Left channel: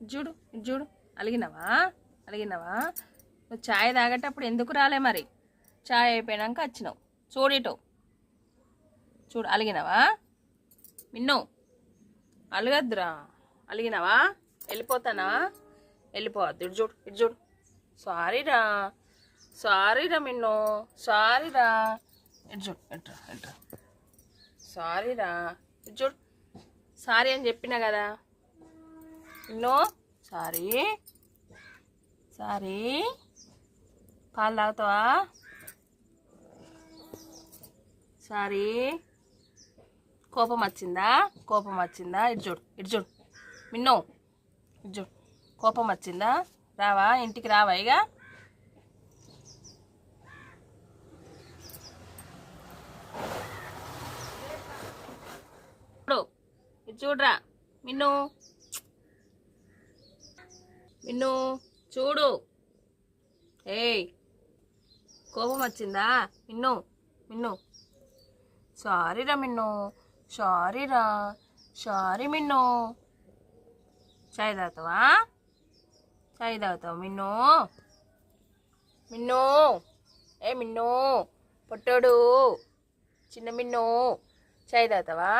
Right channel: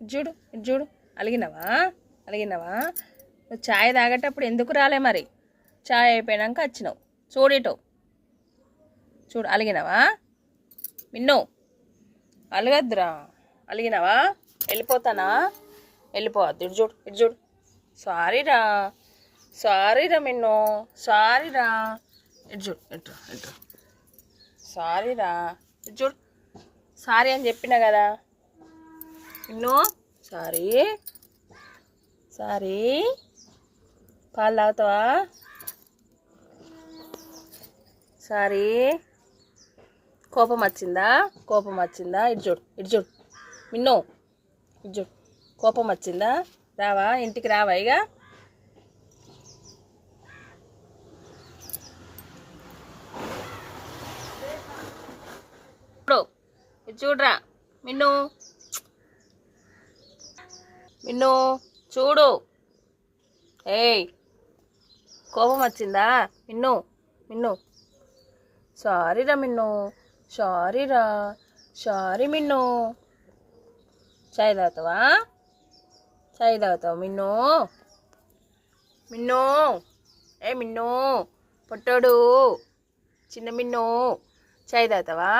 ఇటు చూడు అలిగినావా అలిగినావా? నువ్వు ఛాయ్ తాగేటప్పుడు ఎందుకు రాలే మరి? ఛాయ్ అయిపోయాక వచ్చినావు. చూడిటో చూడు అలిగినావా? మిన్ను అలగద్దురా. అలిగినావా? వెళ్ళిపోతానా? వెళ్ళిపోవద్దు. ఇటు చూడు సారీరా మిన్ను సారీరా. ఇటు సారీరా. ఇటు చూడు సారీ అని చెప్పినా కదా మిన్ను. సారీ పాలు తాగుతావా? సారీ కోపం వచ్చిందా? ఇటు చూడు మిన్ను. ఇటు చూడు కోపం వచ్చిందా? రావా ఇంటికి రావా? ఇక ఇటు చూడరా మిన్ను చూడు. ఏయ్ కోపం వచ్చిందా మిన్ను? సారీరా మిన్ను సారీ మిన్ను. చాయ్ తాగుతావా మిన్ను? ఏ మిన్ను పొట్టోడు చిన్న మిన్ను చాయ్ తాగుతావా?